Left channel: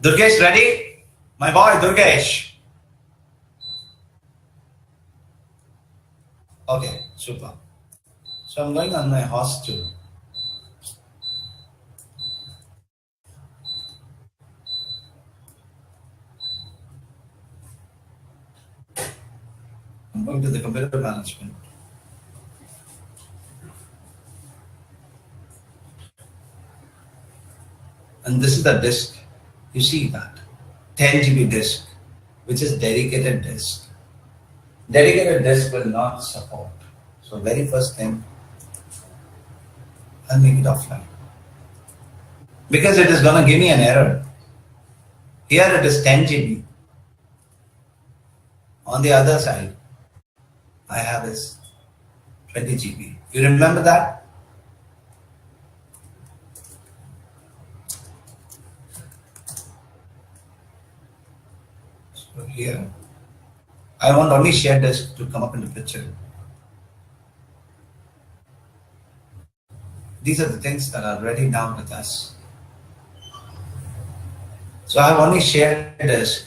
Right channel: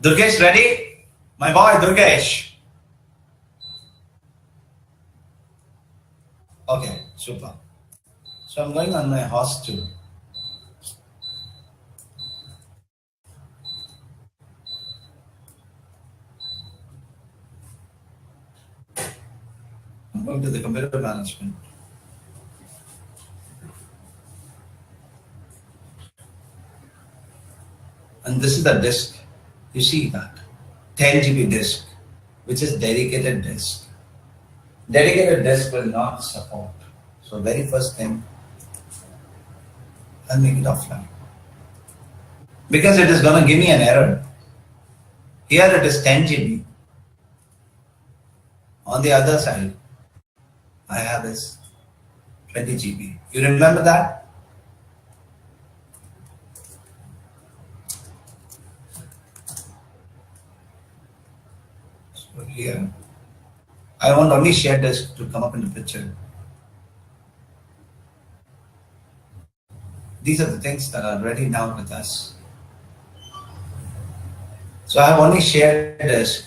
Durgesh, ready? My boy, Durgesh. Okay, super. So I'm going on my host too. I'm going to the computer management. And this is the disk. You see that? 10 GB disk, which is dedicated disk. Dedicated disk will not support. So very first thing, I'll make it offline. Because it is going to give me an error. Here it is 10 GB. On the other side, I have this 20 GB. You remember that? So here, I want only shared disk to come up in the picture. These are the things that are ready now with us. So I have only shared disk,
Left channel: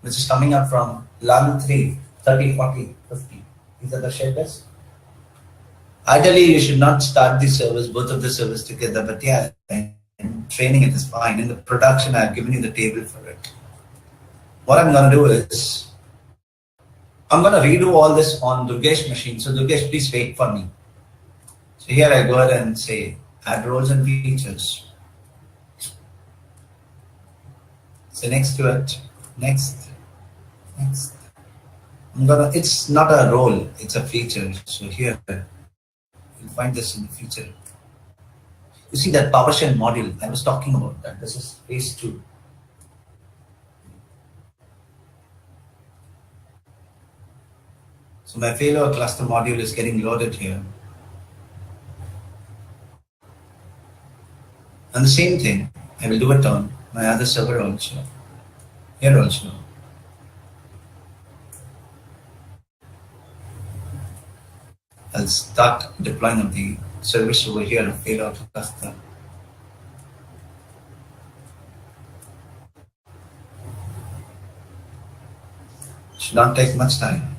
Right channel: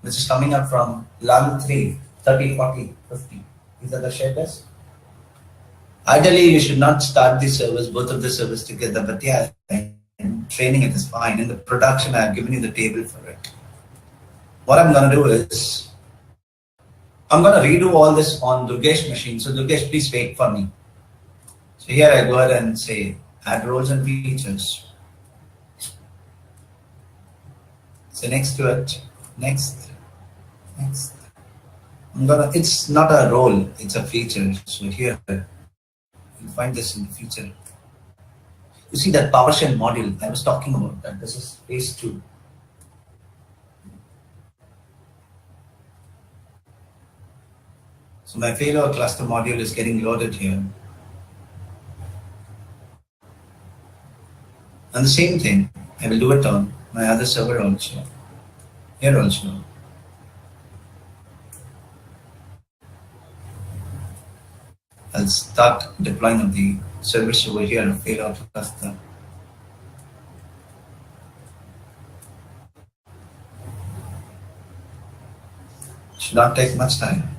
which is coming up from 11, 3, 30, 40, 50. These are the shared disks. Ideally, you should not start the service, both of the servers together, but yeah, in training it is fine. In the production, I have given you the table for it. What I'm going to do is, I'm going to redo all this on Durgesh machine. So Durgesh, please wait for me. So here I go ahead and say, add roles and features. So next to it, next. It's not a role, it's a feature. So here, you'll find this in the feature. You see that PowerShell module, I was talking about that. This is phase 2. So my failover cluster module is getting loaded here. And the same thing, I will do it on my other server also. Here also. I'll start deploying of the service over here and failover cluster. Should not take much time.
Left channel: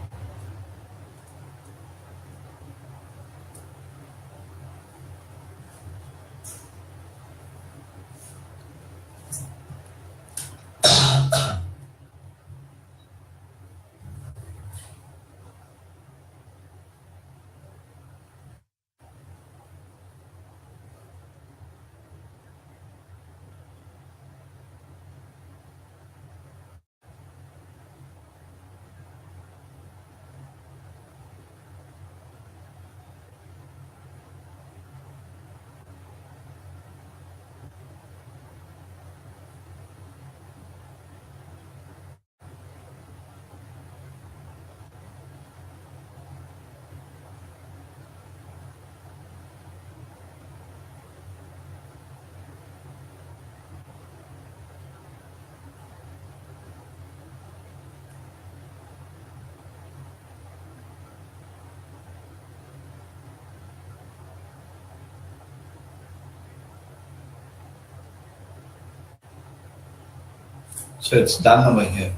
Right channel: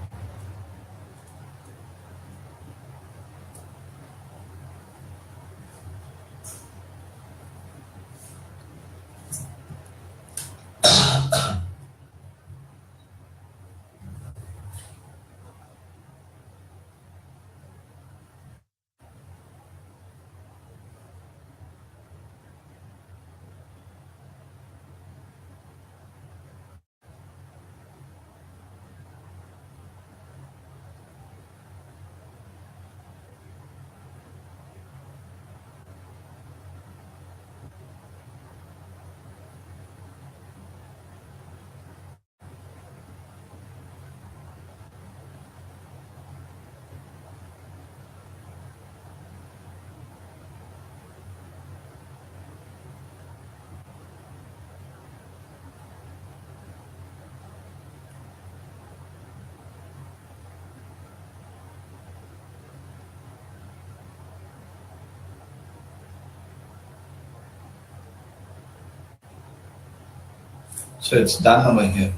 So it's done over here.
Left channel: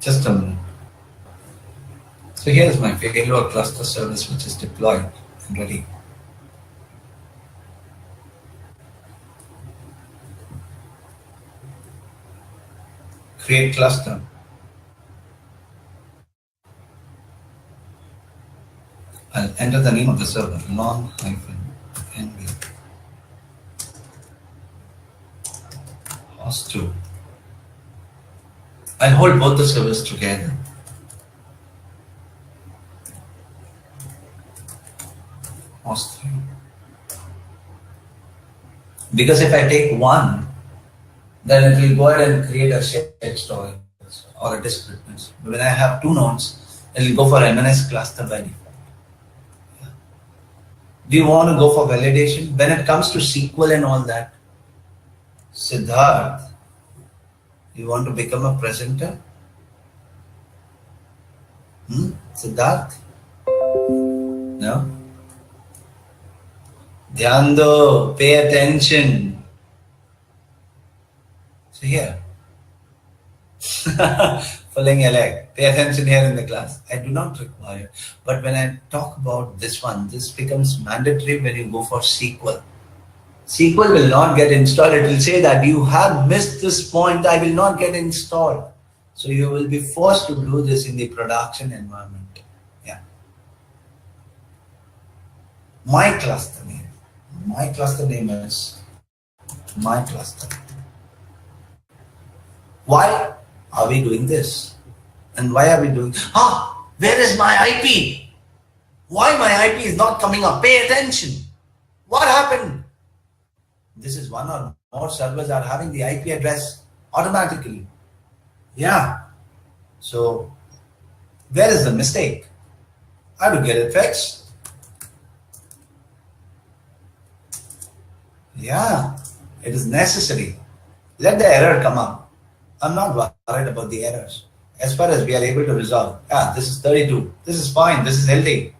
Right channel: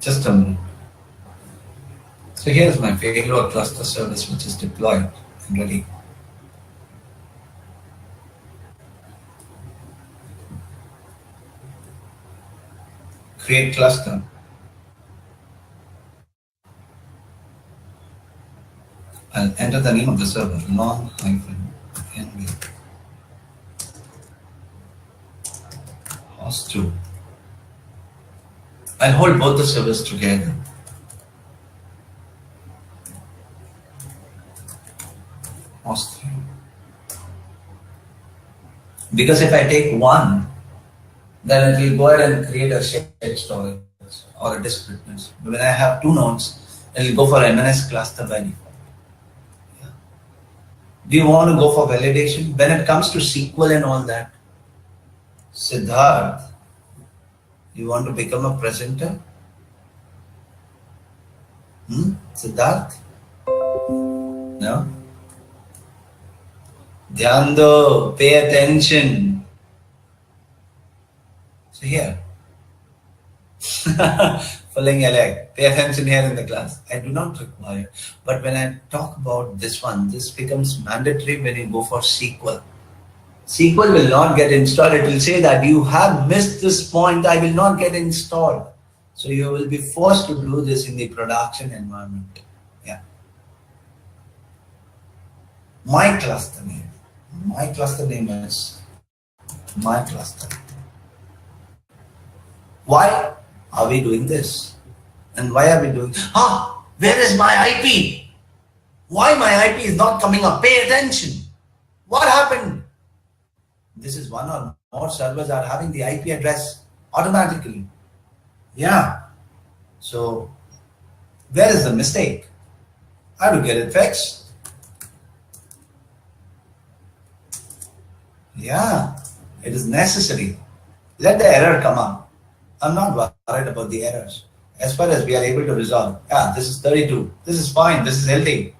Just a minute. So here's my failover cluster service, which is deployed and ready. Create cluster. I'll enter the name of the server, long-nb host 2. I'll hold both the servers together. Host 3. Because if I take one, then it will go ahead and create a shared storage or a disk reference. When I have 2 nodes, it will go for MNS cluster by default. Yeah. Do you want to go for validation? When it comes to SQL and all that, Siddharth, you want to become a presenter? Siddharth? No? Dhyan do, pay attention. So here, filling a leg. Pay attention here in the class. I do not require. But when I talk about this one, this becomes mandatory when you go for SQL. SQL will not get installed. It will say that you have missed this point. I will not get installed. So you will be forced to do this in the production environment. Yeah. My cluster name. My cluster name is my cluster. Why are we doing this? And why are we doing? Where is my IP? Why my IP is not coming up? Pay attention. What happened? This is one or more servers are having the IP address automatically. Yeah. So where is the mistake? I have to get it fixed. Yeah, it is necessary. Let the error come up. I'm not worried about the errors. As far as we are able to resolve, this is 32. This is fine. This is healthy.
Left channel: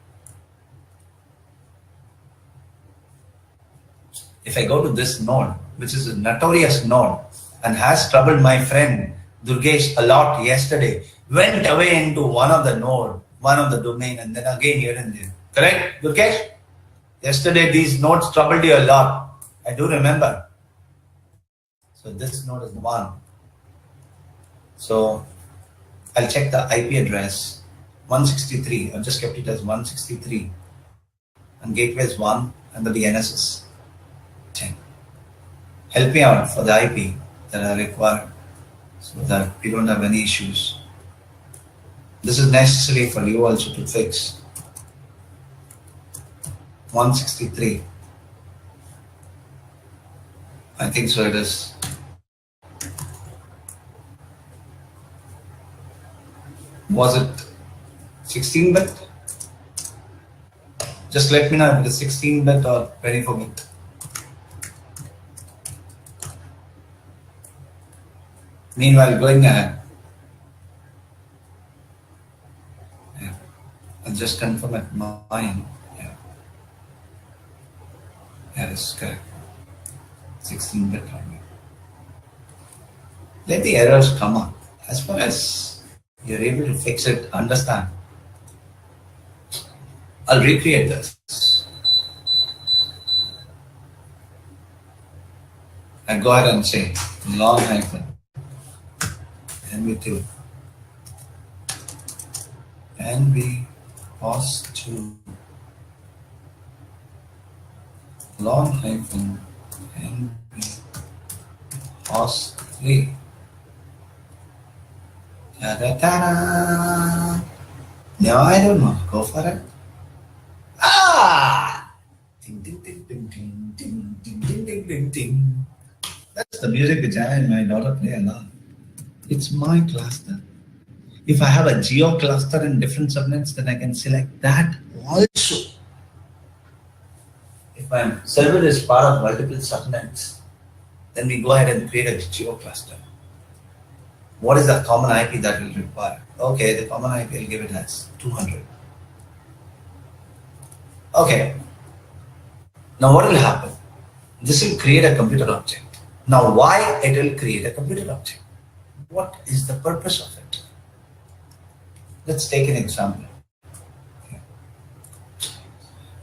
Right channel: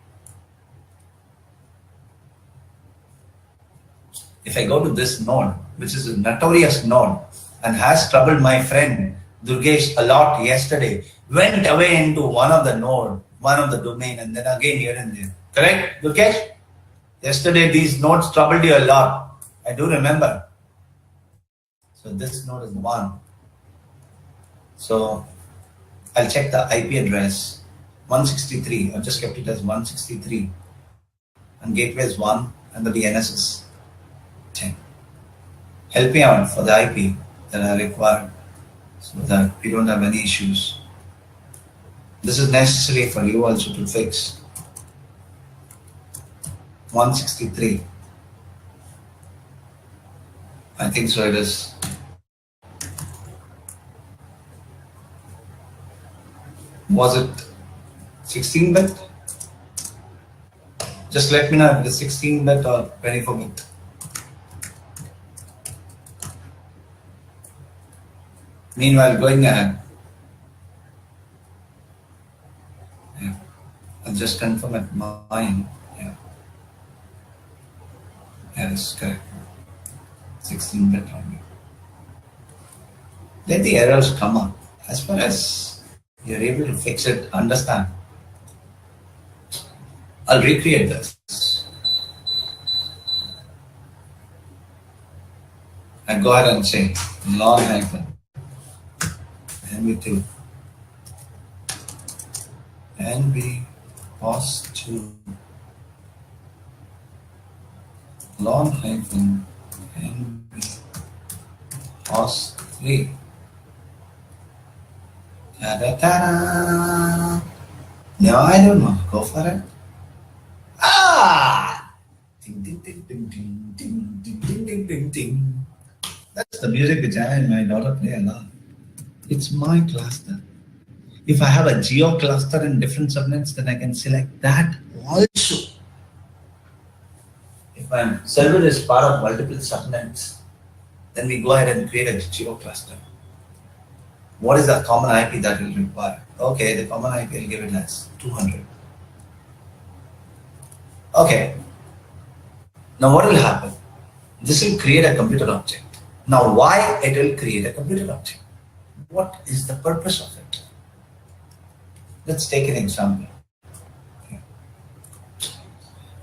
If I go to this node, which is a notorious node and has troubled my friend Durgesh a lot yesterday, went away into one of the node, one of the domain, and then again here and there. Correct, Durgesh? Yesterday these nodes troubled you a lot. I do remember. So this node is one. So I'll check the IP address 163. I've just kept it as 163. And gateway is 1 and the DNS is 10. Help me out for the IP that I require so that we don't have any issues. This is necessary for you also to fix. 163. I think so it is. Was it 16-bit? Just let me know if it is 16-bit or 24-bit. Meanwhile, going ahead, I'll just confirm at mine. That is correct. 16-bit only. Let the errors come up. As far as you're able to fix it, understand. I'll recreate this. And go ahead and say long hyphen NV2 NV POS2 long hyphen NV POS3. Ta-da-ta-da. No, I don't want to go for it. Ding, ding, ding, ding, ding, ding, ding, ding, ding, ding, ding. That's the music which I and my daughter play a lot. It's my cluster. If I have a geo cluster in different subnets, then I can select that also. If my server is part of multiple subnets, then we go ahead and create a geo cluster. What is the common IP that will require? Okay, the common IP will give it as 200. Okay. Now what will happen? This will create a computer object. Now why it will create a computer object? What is the purpose of it? Let's take an example. Okay.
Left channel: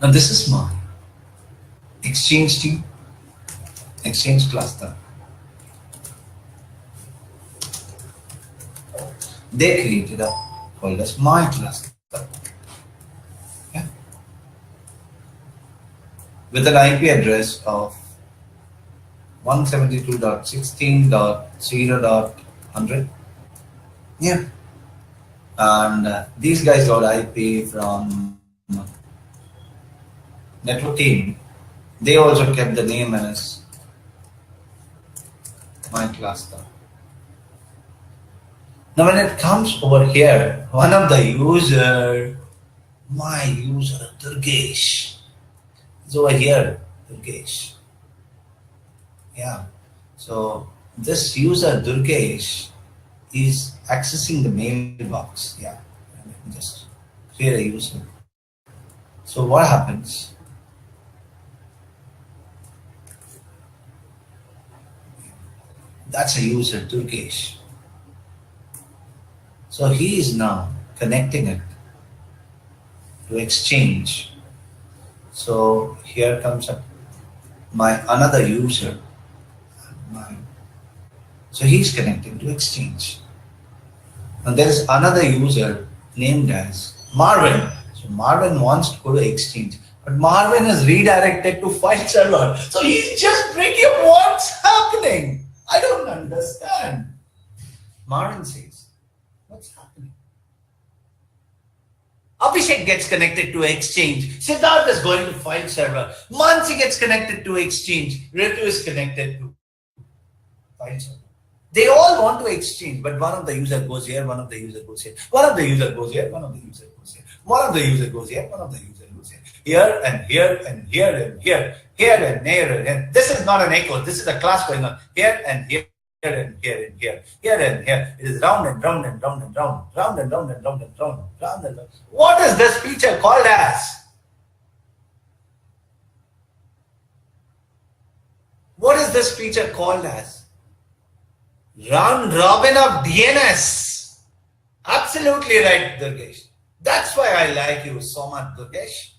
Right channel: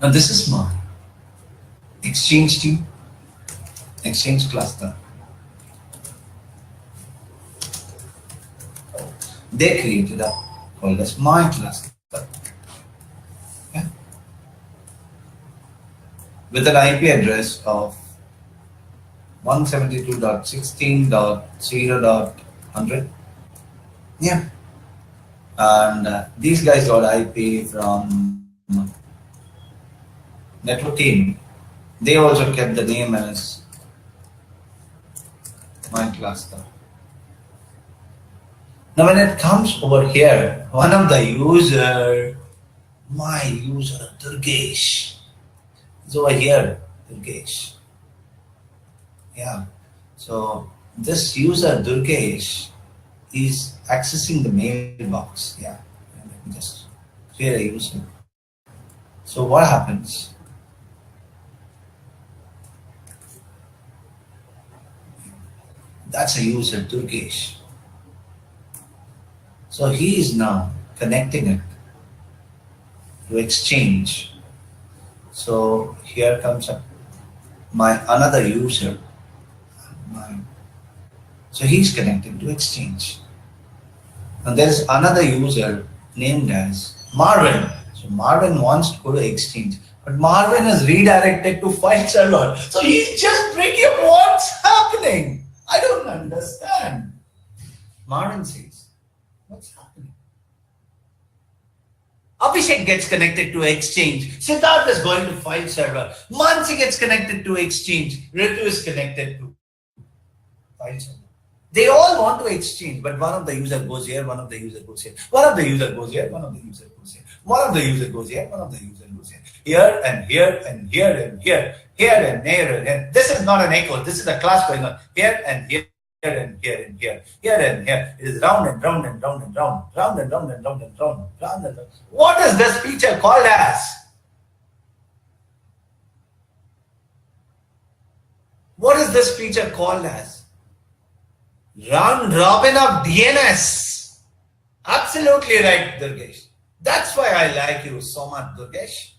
Now this is my Exchange team, Exchange cluster. They created a called as my cluster. Okay. With an IP address of 172.16.0.100. Yeah. And these guys got IP from network team. They also kept the name as my cluster. Now when it comes over here, one of the user, my user Durgesh, is over here, Durgesh. Yeah. So this user Durgesh is accessing the mailbox. Yeah. Let me just create a user. So what happens? That's a user, Durgesh. So he is now connecting it to Exchange. So here comes up my another user. So he's connecting to Exchange. And there's another user named as Marvin. So Marvin wants to go to Exchange, but Marvin is redirected to file server. So he's just breaking up what's happening. I don't understand. Marvin says, what's happening? Abhishek gets connected to Exchange. Siddharth is going to file server. Mansi gets connected to Exchange. Ritu is connected to file server. They all want to exchange, but one of the user goes here, one of the user goes here, one of the user goes here, one of the user goes here, one of the user goes here, one of the user goes here, here and here and here and here, here and here and here. This is not an echo. This is a class going on here and here. Here and here and here, here and here. It is round and round and round and round, round and round and round and round, round and round. What is this feature called as? What is this feature called as? Round robin of DNS. Absolutely right, Durgesh. That's why I like you so much, Durgesh.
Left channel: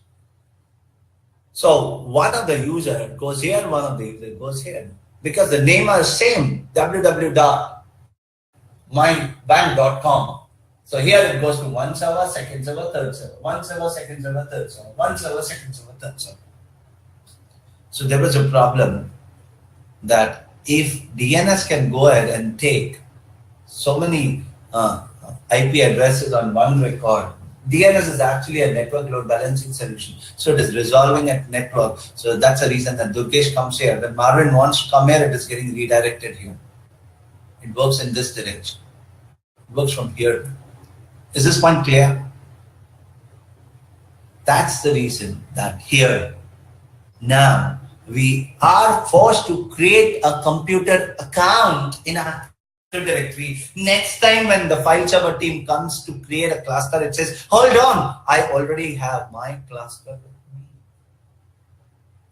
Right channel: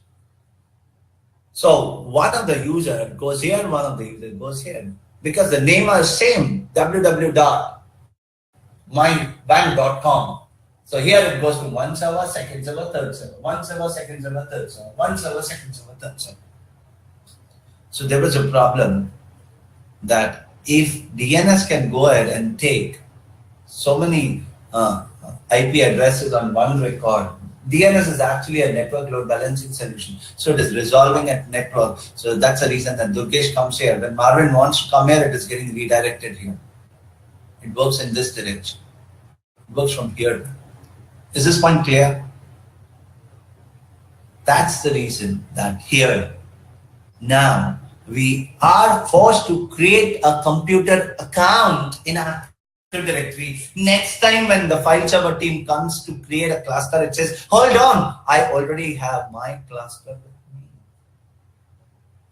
So one of the user goes here, one of the user goes here. Because the name are same, www.mybank.com. So here it goes to one server, second server, third server, one server, second server, third server, one server, second server, third server. So there was a problem that if DNS can go ahead and take so many IP addresses on one record, DNS is actually a network load balancing solution. So it is resolving at network. So that's the reason that Durgesh comes here. When Marvin wants to come here, it is getting redirected here. It works in this direction. It works from here. Is this point clear? That's the reason that here, now, we are forced to create a computer account in our directory. Next time when the file server team comes to create a cluster, it says, hold on, I already have my cluster with me.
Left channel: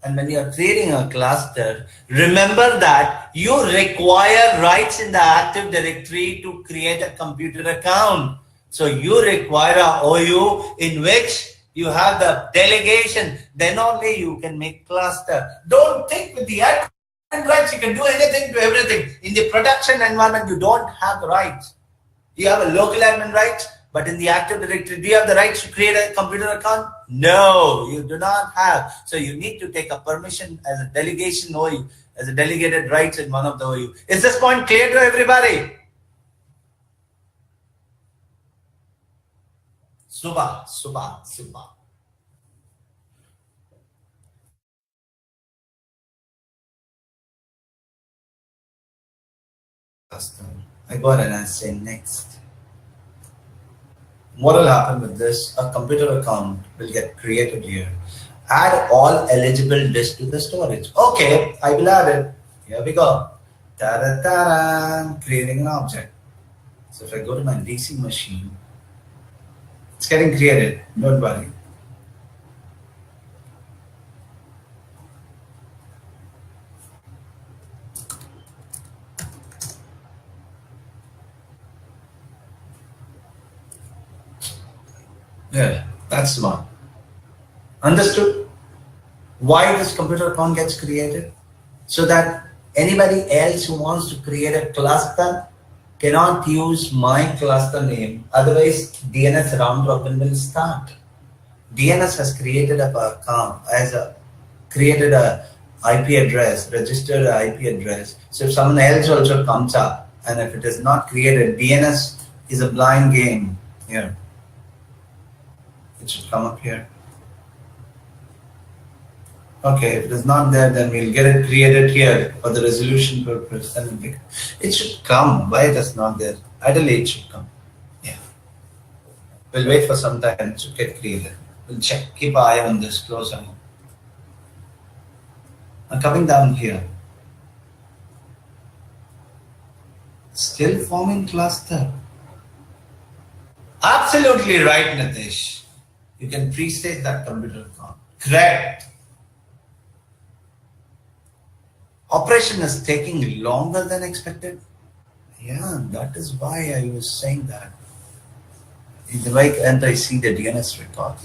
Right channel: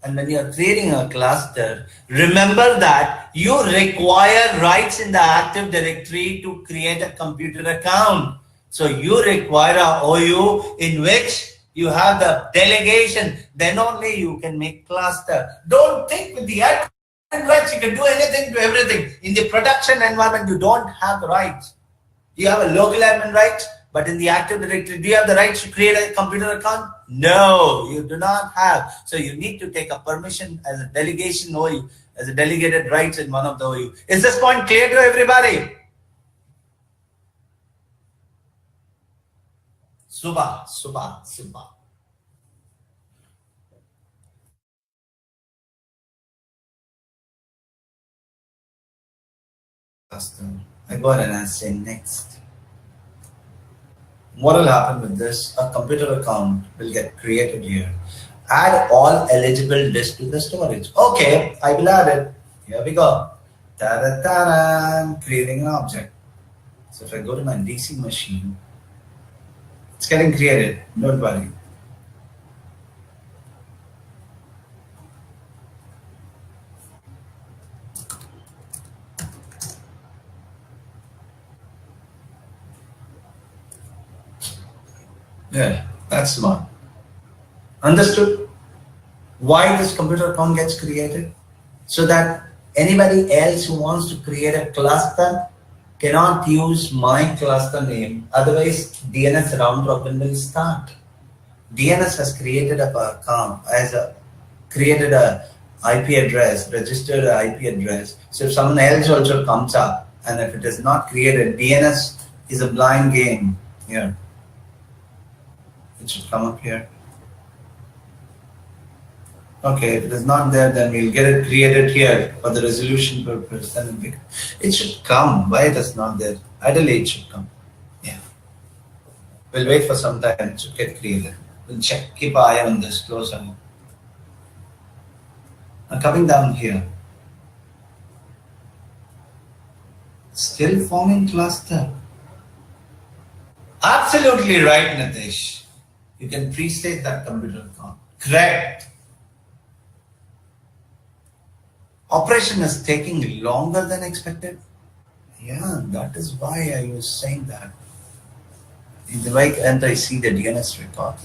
And when you are creating a cluster, remember that you require rights in the Active Directory to create a computer account. So you require a OU in which you have the delegation, then only you can make cluster. Don't think with the admin rights, you can do anything to everything. In the production environment, you don't have the rights. You have a local admin rights, but in the Active Directory, do you have the rights to create a computer account? No, you do not have. So you need to take a permission as a delegation OU, as a delegated rights in one of the OU. Is this point clear to everybody? Subha. I go ahead and I say next. What will happen with this? A computer account will get created here. Add all eligible disks to the storage. Okay, I will add it. Here we go. Ta-da-ta-da, creating an object. So if I go to my DC machine, it's getting created. Don't worry. Yeah, that's smart. Understood? Why this computer account gets created? So that anybody else who wants to create a cluster cannot use my cluster name. Otherwise, DNS round robin will start. DNS has created a account created a IP address, registered an IP address. So if someone else also comes up, and if it is not created, DNS is a blind game here. It should come up here. Okay, if it is not there, then we'll get it created here for the resolution purpose. And it should come. Why it is not there? Ideally, it should come. Yeah. We'll wait for some time. It should get created. We'll check. Keep an eye on this. Close eye. I'm coming down here. Still forming cluster. Absolutely right, Nitish. You can pre-state that computer account. Correct. operation is taking longer than expected. Yeah, that is why I was saying that. In the right end, I see the DNS record,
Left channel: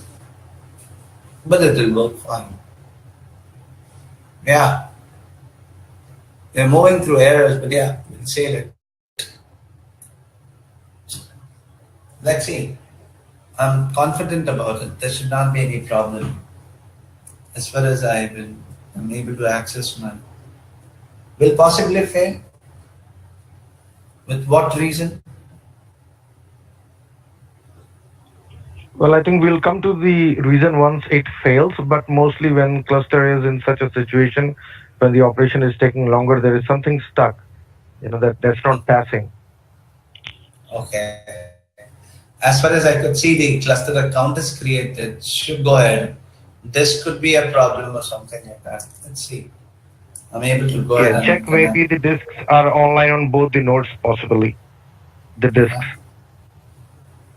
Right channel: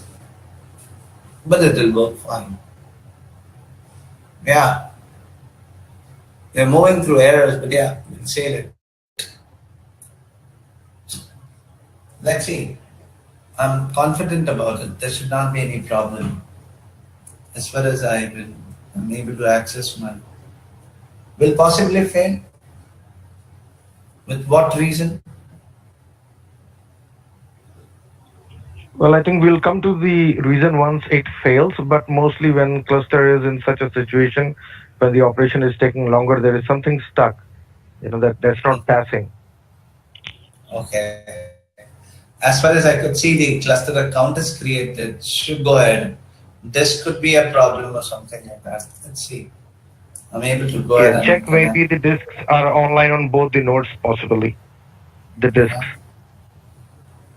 but it will work fine. Yeah, we're moving through errors, but yeah, we'll save it. Let's see. I'm confident about it. There should not be any problem. As far as I'm able to access my. Will possibly fail. With what reason? Well, I think we'll come to the reason once it fails, but mostly when cluster is in such a situation, when the operation is taking longer, there is something stuck, that's not passing. Okay. As far as I could see, the cluster account is created. Should go ahead. This could be a problem or something like that. Let's see. I'm able to go ahead and check maybe the disks are online on both the nodes, possibly. The disks.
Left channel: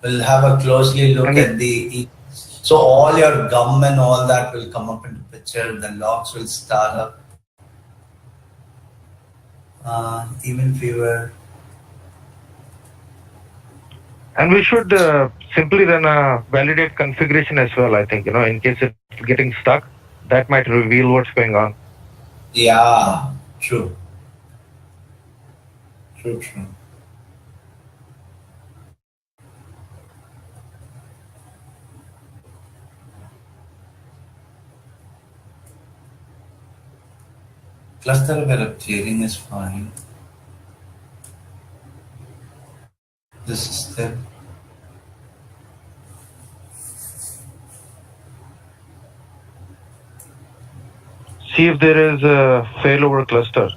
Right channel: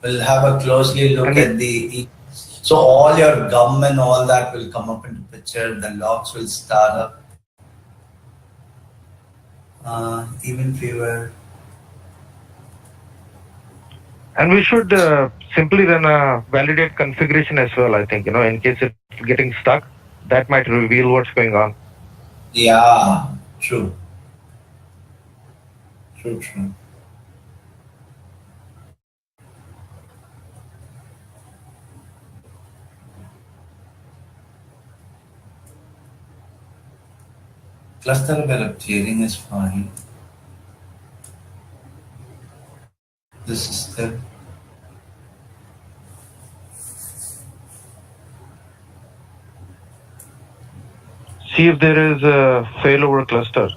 We'll have a closely look at the. So all your gum and all that will come up in the picture. The logs will start up. Even fewer. And we should simply run a validate configuration as well, I think, in case it's getting stuck, that might reveal what's going on. Yeah, true. True. Cluster where clearing is fine. This is the. See if there is a failover cluster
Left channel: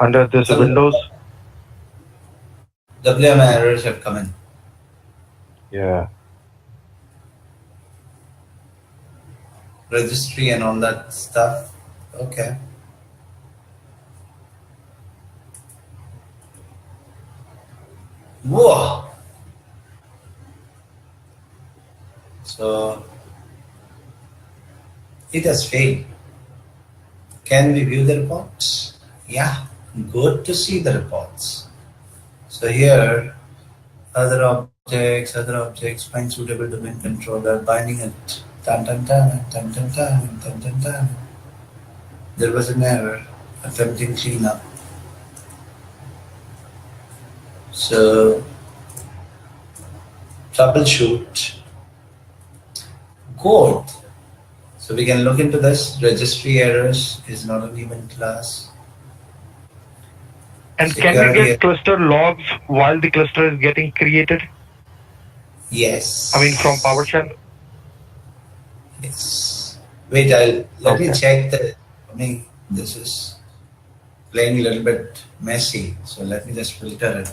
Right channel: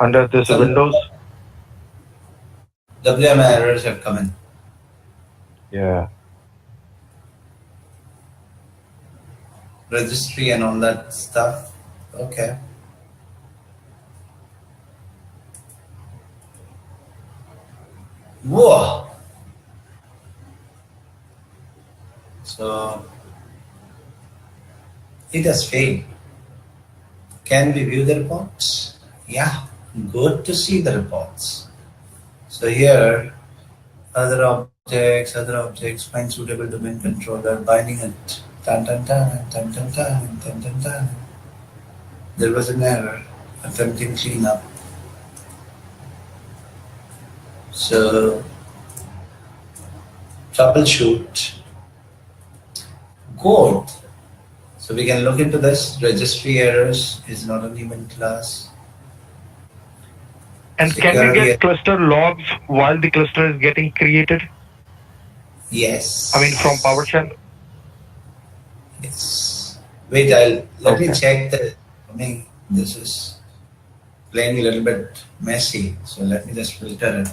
under this Windows. WM errors have come in. Yeah. Registry and all that stuff. Okay. Whoa. So it has failed. Can we view the reports? Yeah, good to see the reports. So here, other objects, find suitable domain controller, binding it. There was an error, attempting cleanup. So, troubleshoot. Good. So we can look into this. Registry errors is not an event class. And can we get cluster logs while the cluster is getting created? Yes. I mean, from PowerShell? Yes. Wait, let me check the. This is playing a little bit messy. So let me just filter it.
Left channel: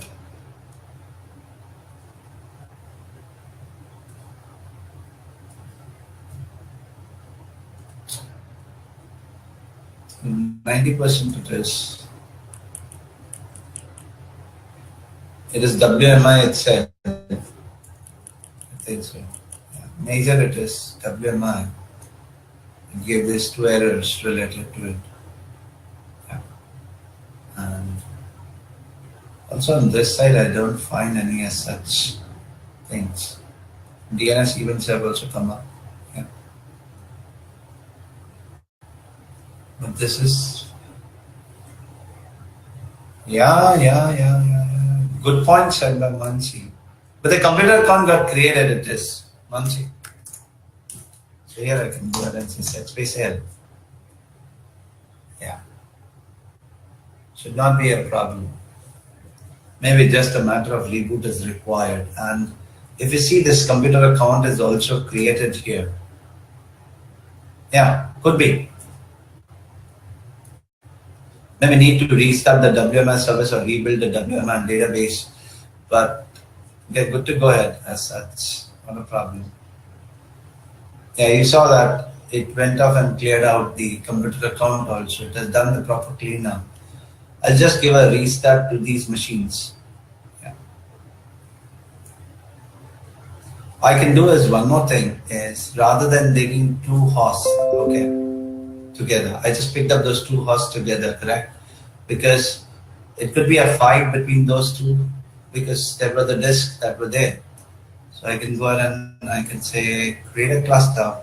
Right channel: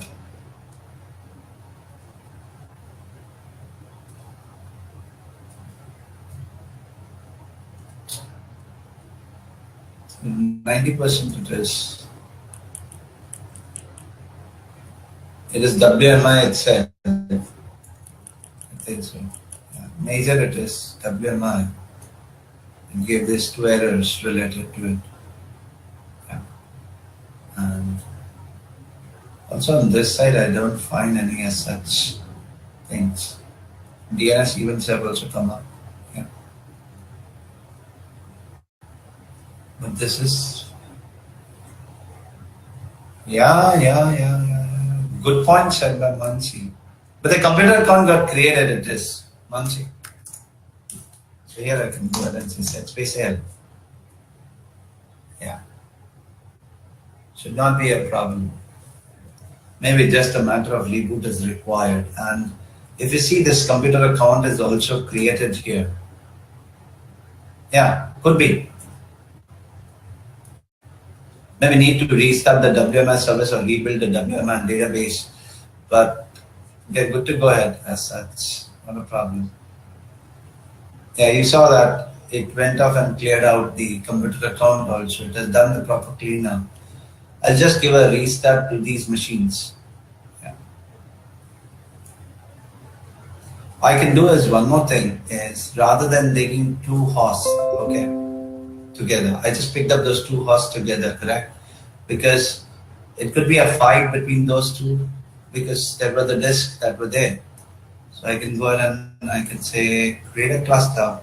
%, it is WMI itself. I think so. Yeah. Major it is WMI. It gave these two errors related to it. Yeah. And also on this side, I don't find any as such things. DNS events have also come up. Yeah. But this is. Yeah. Good point said by Mansi. But the computer account got created at this, Mansi. So here I can go ahead and say space L. Yeah. Should not be a problem. Maybe just a matter of reboot is required. And if you see this computer account is also created here. Yeah, could be. Maybe need to restart the WMS service or rebuild the WMS database, but they're good to go ahead as such, not a problem. Yeah, you saw that it went off and cleared out the computer account also. It has done the proper cleanup. I'll just give a restart to these machines. Yeah. I can do is one more thing is rather than digging two hosts, okay, together. I just picked up those two hosts together, correct? Because it could be a fight between those two because there were the disks that were there. So I can go ahead and I can say create a cluster.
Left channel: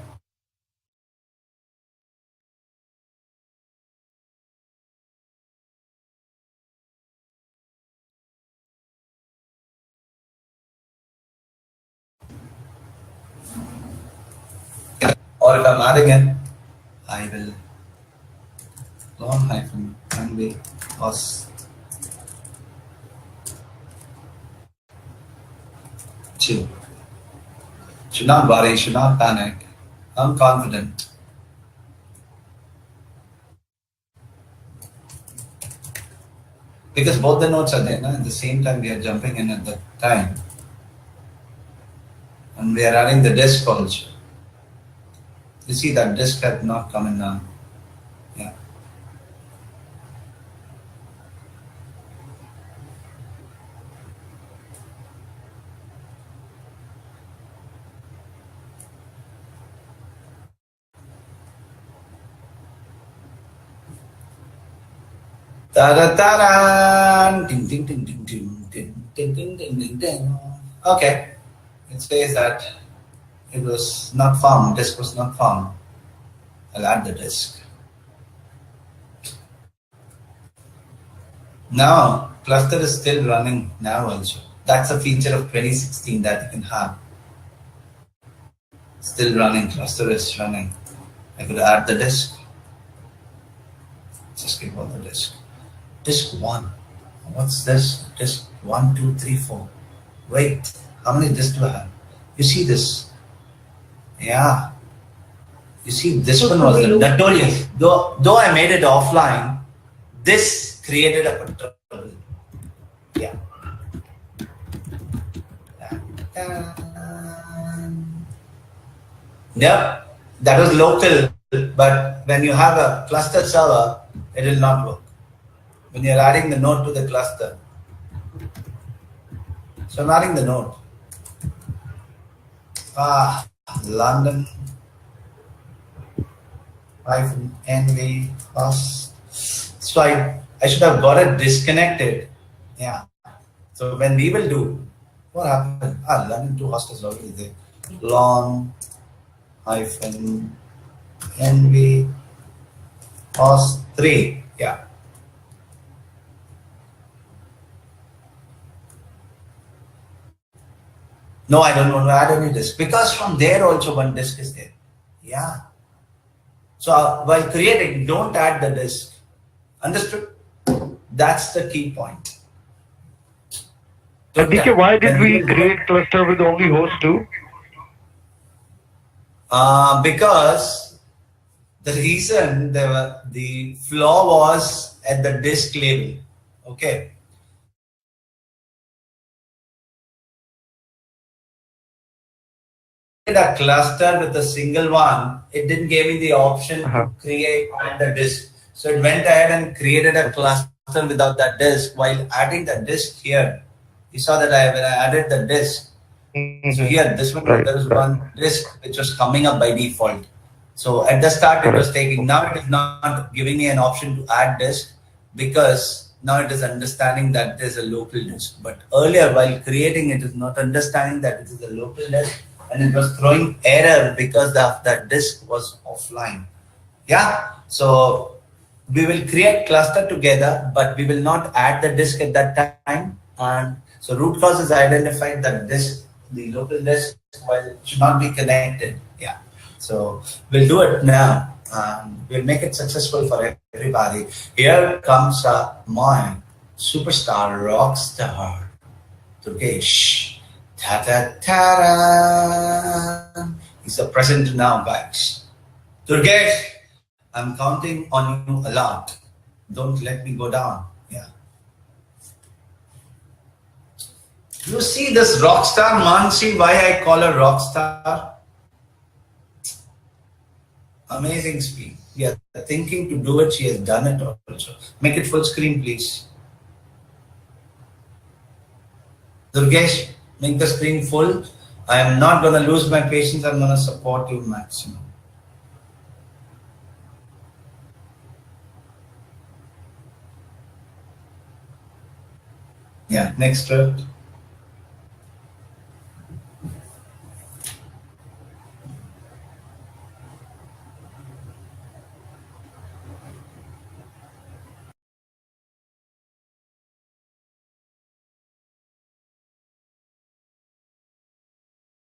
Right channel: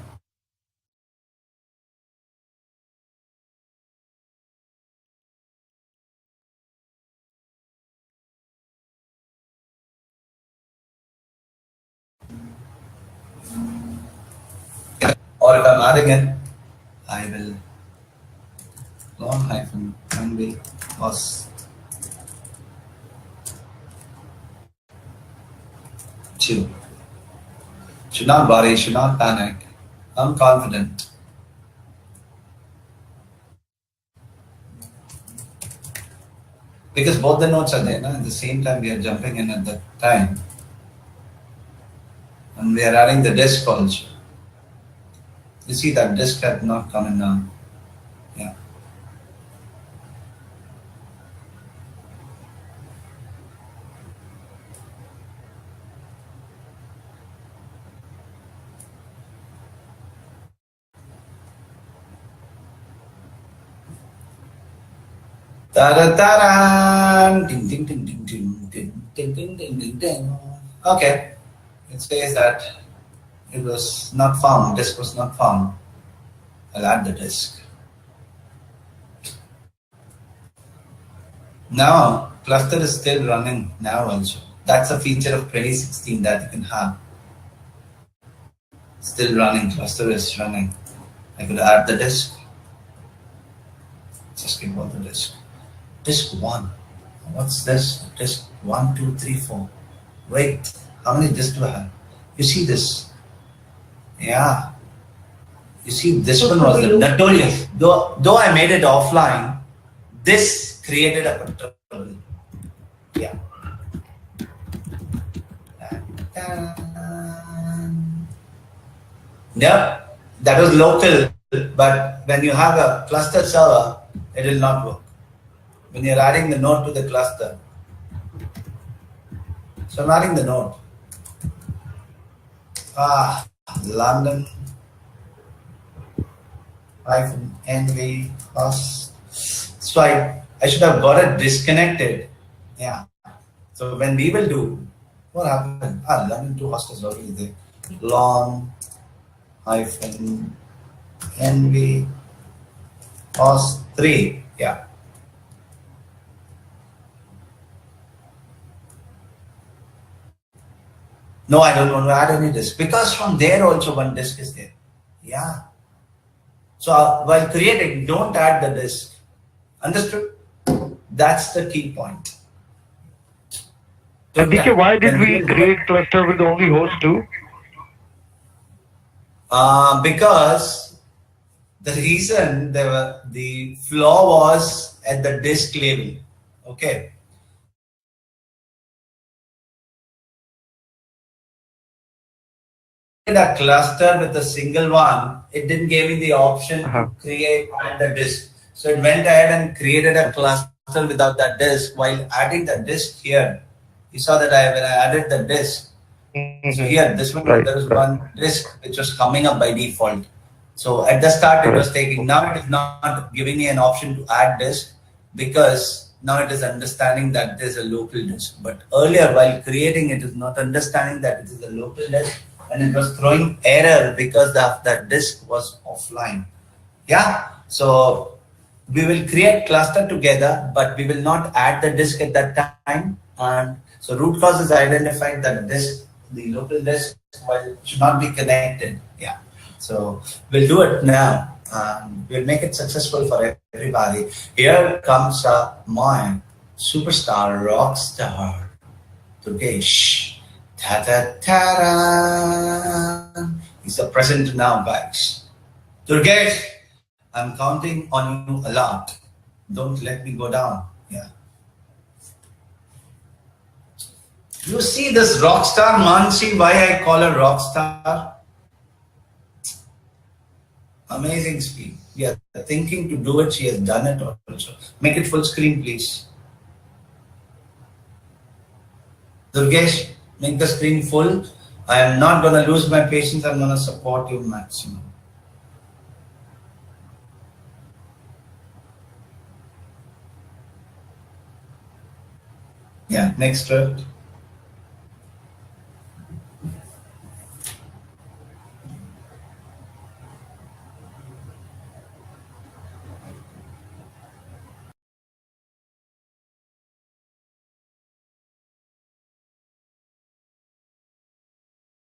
Or if I'm adding it, I will long hyphen runway host 2. Should not worry, should not panic. I'm confident. Because both the nodes are there, no? At the same time we are jumping in at that time. And we are adding the disk also. You see that disk had not come in now. Yeah. Ta-da-ta-da! Ding, ding, ding, ding, ding, ding, ding, ding, ding, ding, ding. Okay. It says that it was not found, disk was not found. I'll add the disk. Now, cluster is still running now also. That's a feature of 2016 that you can have. Still running, cluster is running. I could add the disk. Just give all the disk. Disk 1. What's this? Disk 1, 2, 3, 4. Wait, how many disks do I have? You see this? Yeah. You see, this one was the notorious. Though I made it offline, this created a trouble. Yeah. Yep, that was local, but when you have a cluster server, it will not work. When you're adding the node to the cluster. So I'm adding the node. London -nv host. So I should have got it disconnected. Yeah. So when we will do, what happened? London 2 host is already there. Long -nv host 3. Yeah. No, I don't want to add any disk because from there also one disk is there. Yeah. So while creating, don't add the disk. Understood? That's the key point. So DK, why did we create cluster with only host 2? Because the reason the flaw was at the disk level. Okay. A cluster with a single one, it didn't give me the option to create the disk. So it went ahead and created a cluster without that disk. While adding the disk here, you saw that when I added the disk, so here this one there was one disk which was coming up by default. So at the start it was taking. Now it is not giving me an option to add disk because now it is understanding that there's a local disk. But earlier while creating it is not understanding that it is a local disk. And it was throwing error because that disk was offline. Yeah. So we will create cluster together, but we will not add the disk at that time. And so root cause is identified that disk, the local disk, should not be connected. Yeah. So we'll do it now. We'll make it successful for everybody. Here comes my superstar rock star, Durgesh. Ta-da-ta-da. He's a present now, guys. Durgesh, I'm counting on you a lot. Don't let me go down. Yeah. You see this rock star, Mansi, why I call her rock star? Amazing speed. We are thinking to do it. She has done it also. Make it full screen, please. Durgesh, make the screen full. I am not going to lose my patience. I'm going to support you maximum. Yeah, next script.